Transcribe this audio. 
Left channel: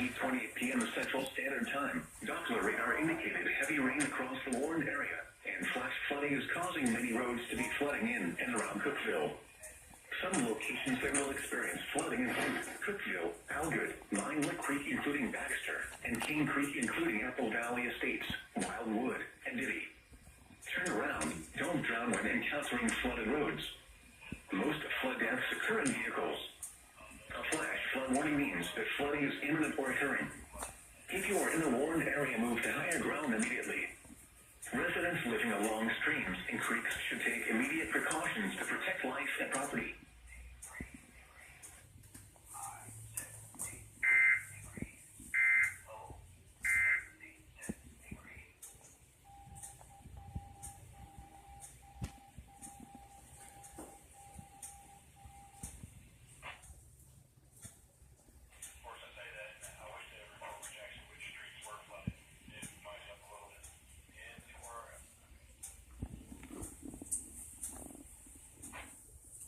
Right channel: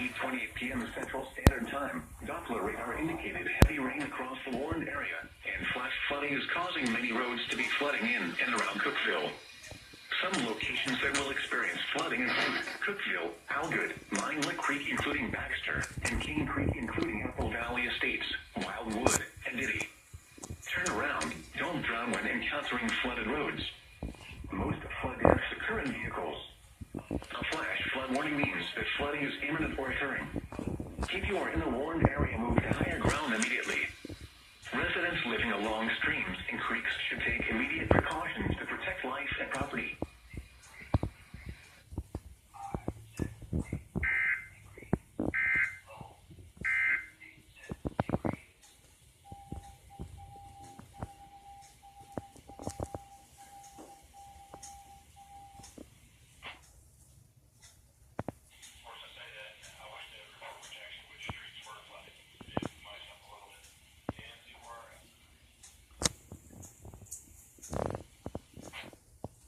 8:28 p.m. Central Standard Time. Doppler radar indicated heavy rain across the warned area, and flash flooding is causing many roads to be flooding in and around Cookeville. Some locations that will experience flooding include Cookeville, Algood, Mine Lick Creek including Baxter, and King Creek including Apple Valley Estates, Wildwood, and Diddy. Turn around, don't drown when encountering flooded roads. Most flood deaths occur in vehicles. A flash flood warning means that flooding is imminent or occurring. If you are in the warned area, move to higher ground immediately. Residents living along streams and creeks should take immediate precautions to protect life and property.